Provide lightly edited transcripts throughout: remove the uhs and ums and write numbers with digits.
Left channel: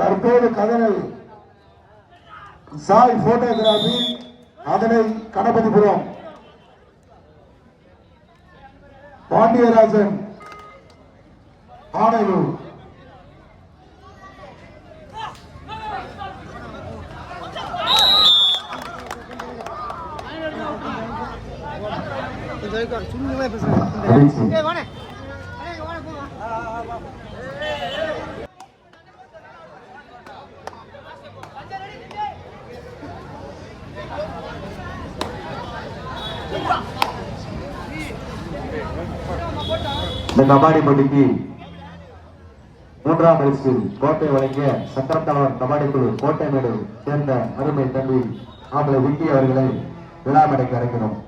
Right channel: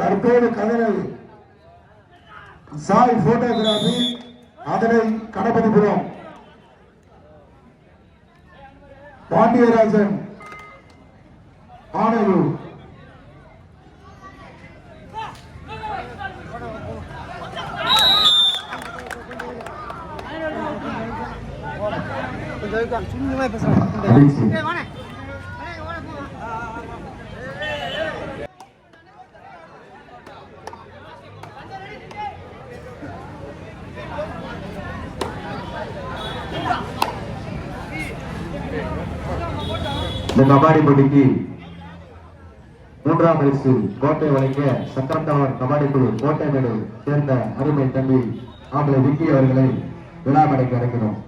தற்போது கதவை சாய் போட்டோகிராபி அதனை கணபதிபுரம் பாண்டியராஜன் ஆணையூர் இந்த கபாடி போட்டிக்கு மூன்றாம் பரிசு கோட்டை வழங்கிய சக்கரத்தலைவர் கபாடி குழு கோட்டை மேடு சேர்ந்த அருமை தம்பி ஆம்பளை விக்கி அவர்களை விழாமடைக்கு அழைக்கிறோம்.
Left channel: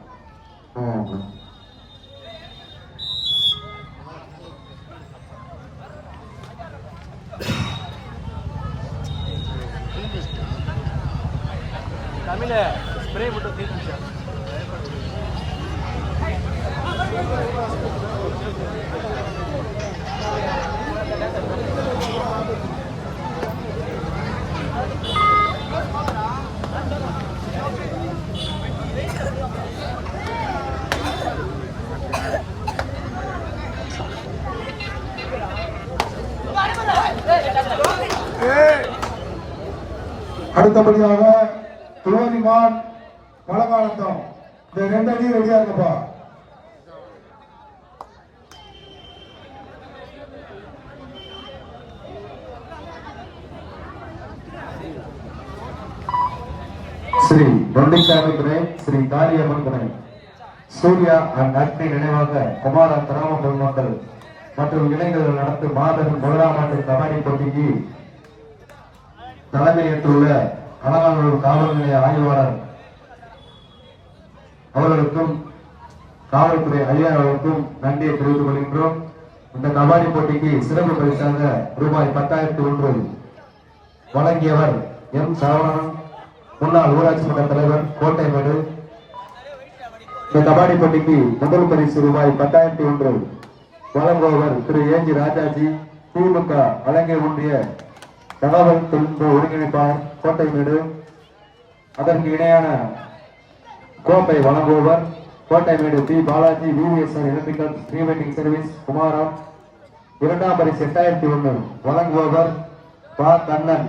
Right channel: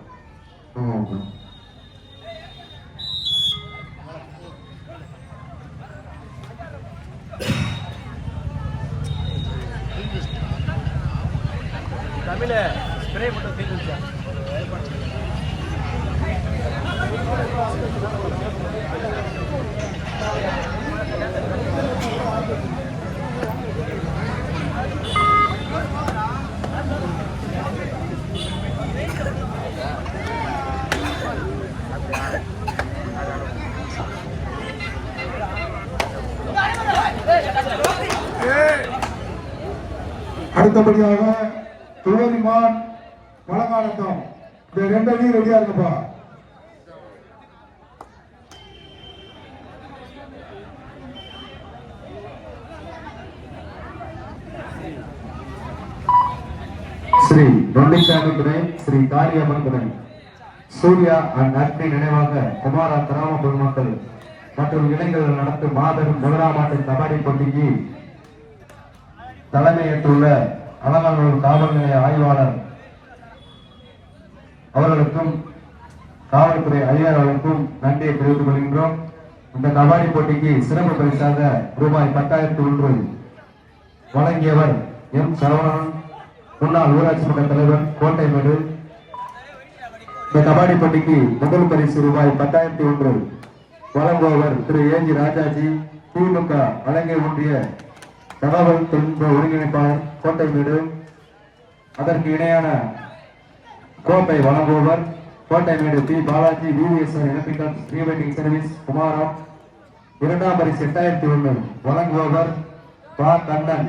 அடுத்தபடியாக துளரிமான் பழங்காலத்தம் இந்த 2 அடி ரெடியா இருக்கப்பா. ஸ்ரீ தொண்டிச்சாமி துணை, ஸ்ரீ காரியம்மன் துணை, சூர்யா அந்நட்பை நினைவாக குமார கிராம பொதுமக்கள் மற்றும் இளைஞர்கள் நடத்தும் மாபெரும் முதலாம் ஆண்டு கபாடி போட்டிக்கு தலைமையேற்றுள்ள அலங்காநல்லூர் காவல் நிலைய ஆய்வாளர் அவர்களுக்கும் காவல்துறை அதிகாரிகளுக்கும் நன்றியை தெரிவித்துக் கொள்கின்றோம். இந்த கபாடி போட்டிக்கு சிறப்பு பரிசாக ரூபாய் 10,001 வழங்கியவர் எம் சரவணன், முன்னாள் ஊராட்சி மன்ற தலைவர், கோட்டைமேடு. இந்த கபாடி போட்டிக்கு முதல் பரிசு ரூபாய் 10,001 வழங்குபவர் திரு ஏஜி ராஜாஜி, திமுக அலங்கை ஒன்றிய தகவல் தொழில்நுட்ப ஒருங்கிணைப்பாளர், கோட்டைமேடு. அதற்கு இணையான கோப்பை வழங்குபவர் Kottaimedu P Balaji, VVSR electrical rewinding service, Kumaram. இரண்டாம் பரிசு 8,001 வழங்குபவர் பா கண்ணன்,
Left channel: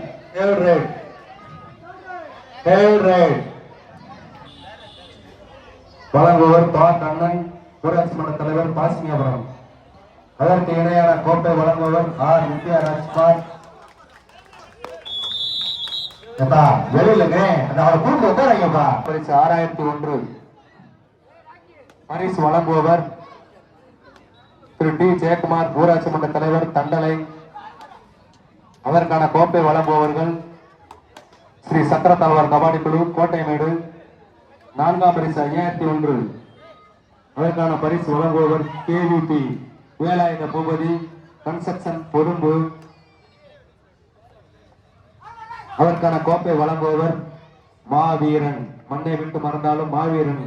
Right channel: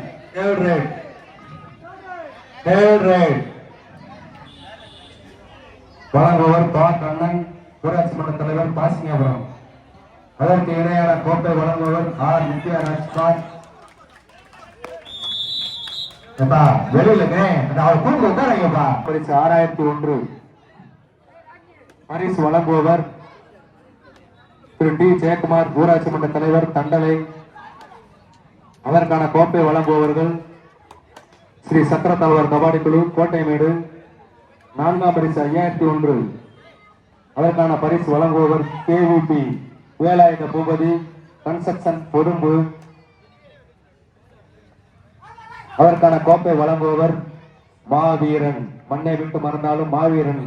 வழங்குபவர் பா கண்ணன், ஊராட்சி மன்ற தலைவர், பாசினியாபுரம். அதற்கு இணையான கோப்பை வழங்குபவர் ஆர் வித்யாராஜ்குமார். வெளியிலங்க பரிசு 6,001 பரிசு வழங்குபவர் திரு டி ஜெயக்குமார், ஊராட்சி மன்ற தலைவர், தண்டலை. அதற்கான கோப்பை வழங்குபவர்கள் ஸ்ரீ சக்கர தலைவர் கபாடி குழு, கோட்டைமேடு. நான்காம் பரிசு 5,001 அதற்கான பரிசு வழங்குபவர் கேவிபி வேலாயுத பூபதி, கன்ஸ்ட்ரக்ஷன், பொறும்பு. அதற்கான கோப்பை வழங்குபவர் மாவீரன், மண்ணை விட்டு மறந்தாலும் மாவீரன்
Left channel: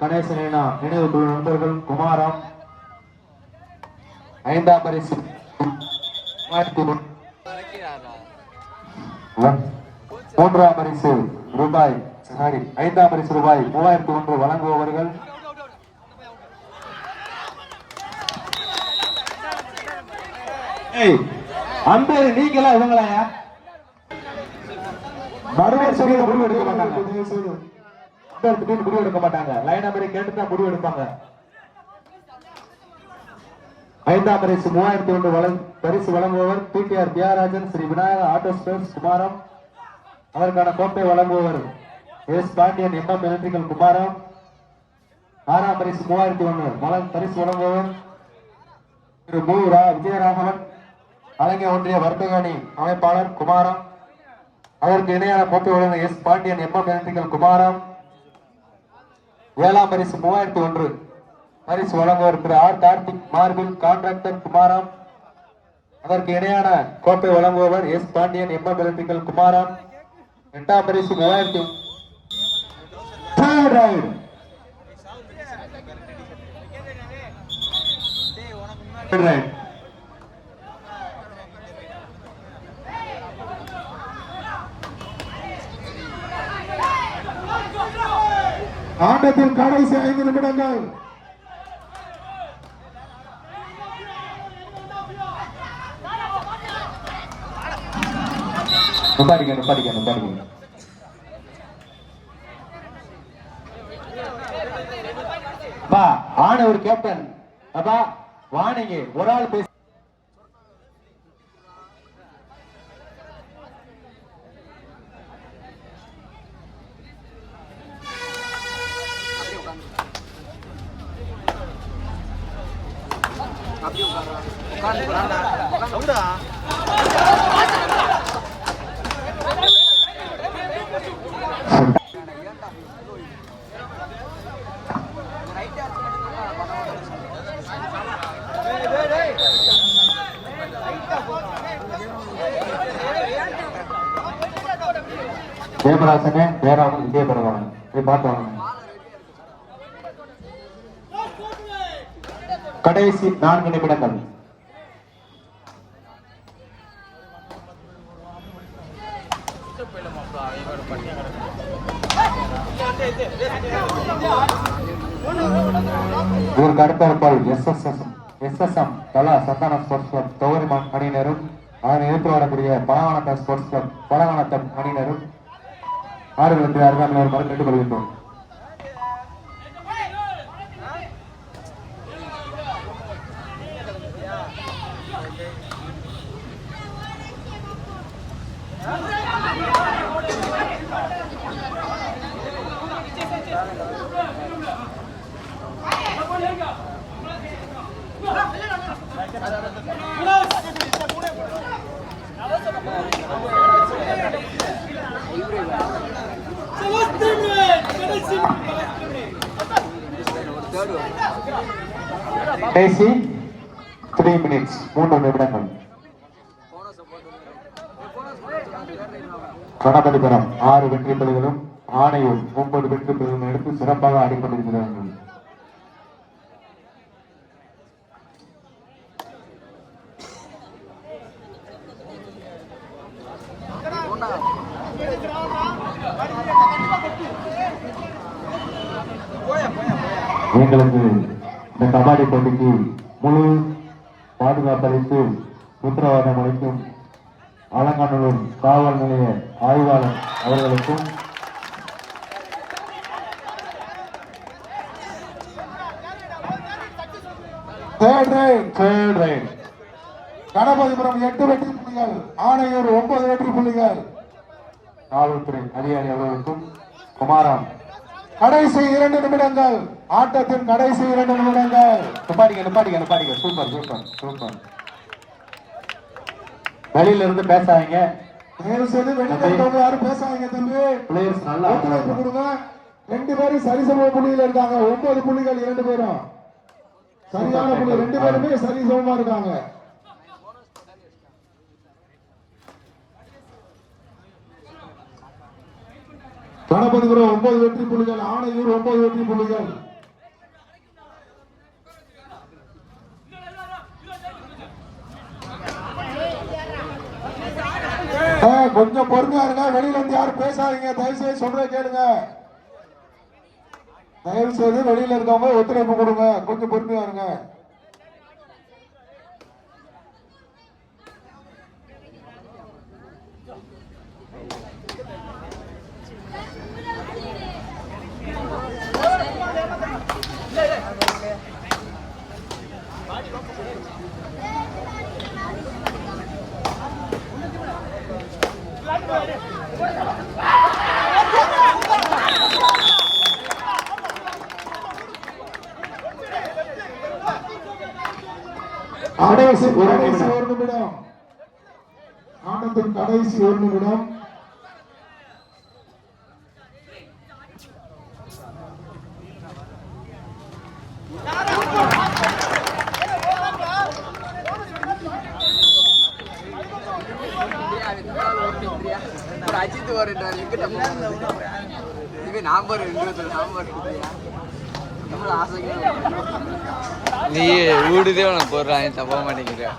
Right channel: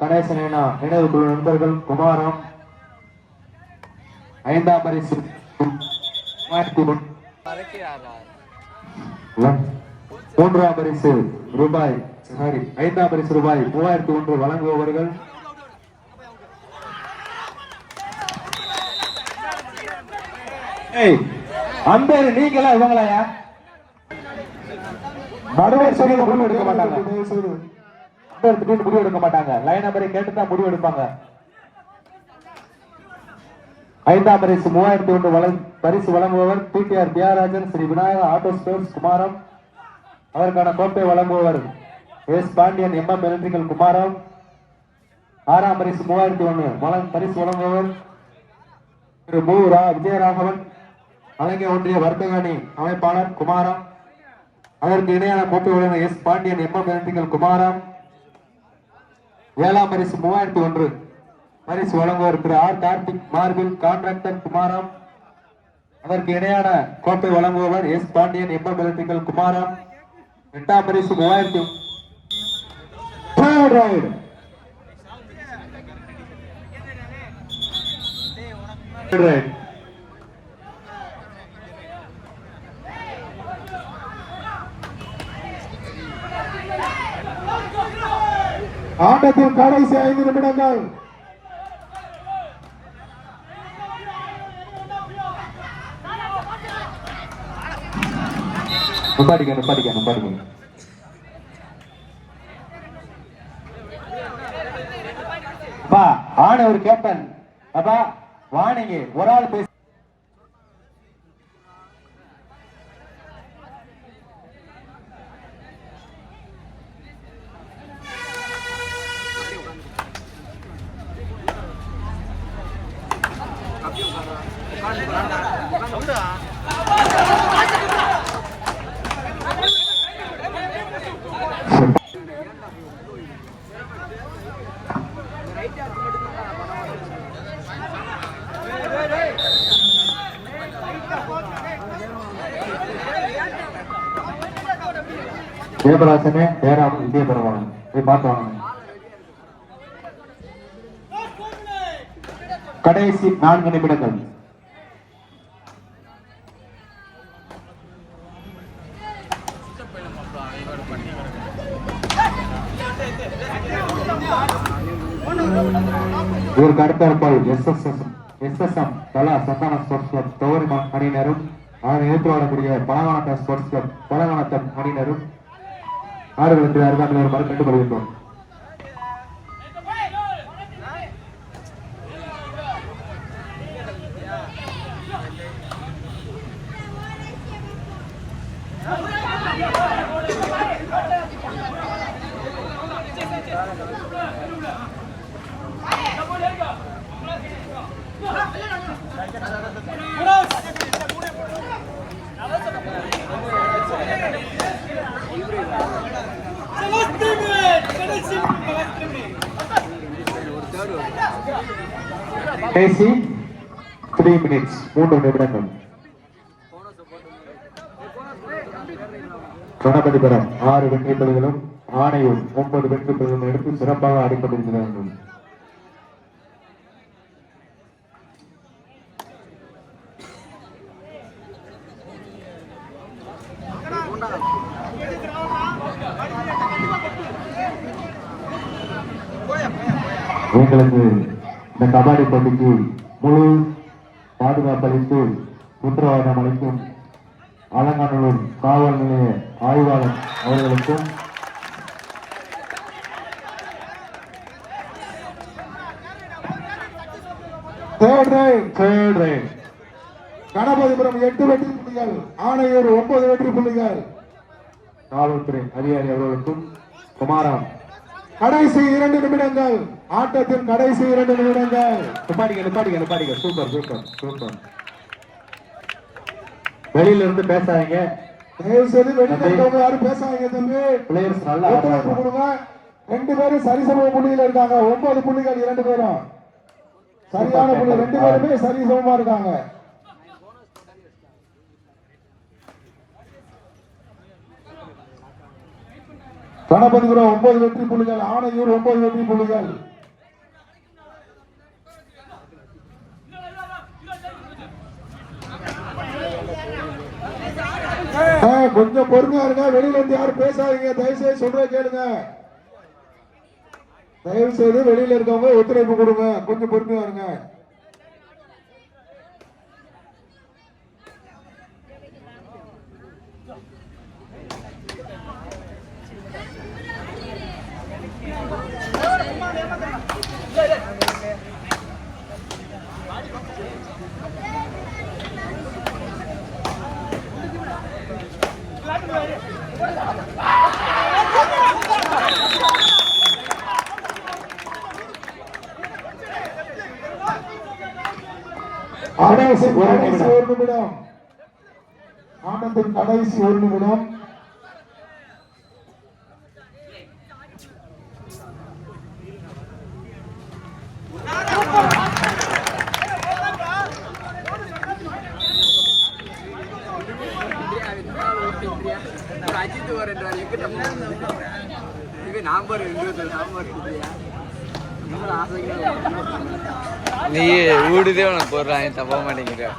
கணேசனேனா நினைவு குழு நண்பர்கள், குமாரம். ஐந்தாம் பரிசு மூன்றாம் பரிசு ரூபாய் 3,001 வழங்குபவர்கள் அம்பேரு. நீங்களா இவங்களாயா? நடுவர் சொல்லி முடிவு எடுக்க மாட்டாங்க, முடிவு எடுக்க மாட்டாங்க. லைன் நம்பரை கேட்டுதான் முடிவு எடுப்பாங்க. ஐந்தாம் பரிசு 3,001 பரிசு வழங்குபவர் PTR Thiagarajan, Sri Vinayagar auto space, Kumaram. அதற்கான கோப்பை வழங்குபவர் S Pandian, MM electrical, Kumaram. ஆறாம் பரிசு 3,001 பரிசு வழங்குபவர் திரு மு விஜயராகவன், அலங்கை ஒன்றிய வர்த்தக அணி அமைப்பாளர், குமாரம். அதற்கு இணையான கோப்பை வழங்குபவர் எஸ் பாண்டியன், எம்எம் எலக்ட்ரிக்கல், குமாரம். ஏழாம் பரிசு 3,001 பரிசு வழங்குவர் திரு ஆர் கார்த்திக், மார்பிள் கான்ட்ராக்டர், குமாரம். அதற்கு இணையான கோப்பை வழங்குபவர் எஸ் பாண்டியன், எம்எம் எலக்ட்ரிக்கல், குமாரம். எட்டாம் பரிசு 3,000 ஆட்டத்தில் கடைசி 5 நிமிடங்கள். நிப்பாட்டிக்க. அப்பா ஆன ஒரு கேப்டன் அப்பா வாணிங்க ஒரு ஆள் பேச ஜெயபிரகாசனே ஜெயராமன் இதே பரவாயில்ல போய் பார்த்து வாங்க. கடைசி 4 நிமிடங்கள். இதற்கு அடுத்தாற்போல் SSM தலா சந்தான ஸ்போர்ட்ஸ் கிளப் தொகுதி அணியினரும் அதனை எதிர்த்து வரக்கூடிய பலகானத்தம் ஸ்போர்ட்ஸ் கிளப் பலகானத்தம் அணியினரும் ஆடுகளுக்கு அருகாமையில் ஒரு மரம் கண்டுக் கொள்கின்றோம். கடைசி 3 minutes 3 நிமிடங்கள். கணபதிபுரம் 6 வெற்றி புள்ளிகளும் ஆணையூர் 9 வெற்றி புள்ளிகளும் எடுத்து சிறப்பாக ஆடிக்கொண்டிருக்கிறார்கள். எங்களுக்கு இந்த கபாடி போட்டிக்கு முழு பாதுகாப்பளித்து உத்தரவாதம் அளிக்கும் அலங்காநல்லூர் காவல் நிலைய ஆய்வாளர் அவர்களுக்கும் கணபதிபுரம் 8 வெற்றி புள்ளிகள், ஆணையூர் 9 வெற்றி புள்ளிகள். காவல்துறை அதிகாரி அவர்களுக்கும் குமாரம். கடைசி 2 நிமிடங்கள். ஆட்டத்தின் கடைசி 2 நிமிடங்கள். நிப்பாட்டிக்க. சூப்பர். வெளியில இருந்து பேசாதீங்க. வெளியில யாரும் பேசாதீங்க தம்பி. பிளேயர்ஸ் நல்லா கொடுங்க. 2 பேரும் சரிசம புள்ளியில இருக்காங்க. 9 புள்ளிகள் 2 பேரும் சரியான புள்ளி. 2 பேருமே சரிசமமா இருக்காங்க. கணபதிபுரம் 9 வெற்றி புள்ளிகள், ஆணையூர் 9 வெற்றி புள்ளிகள். கொஞ்சம் பொறுமையா இருங்க. வெளியில வந்து யாரும் பேசாதீங்க. தயவுசெய்து சொல்ற கேளுங்க. தயவு செய்து வெளியில இருக்கவங்க ஒத்துழைப்பு கொடுங்க. கொஞ்சம் பொறுமையா இருங்க. கடைசி 1 நிமிடம். ஆட்டத்தின் கடைசி 1 நிமிடம். அஜித் நம்பர் நீ ஊடுதே உனக்கு போடுறான் தப்ப மாட்டேங்கிற.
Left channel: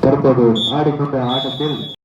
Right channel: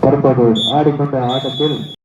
தற்போது ஆடிக்கொண்ட ஆட்டத்தில்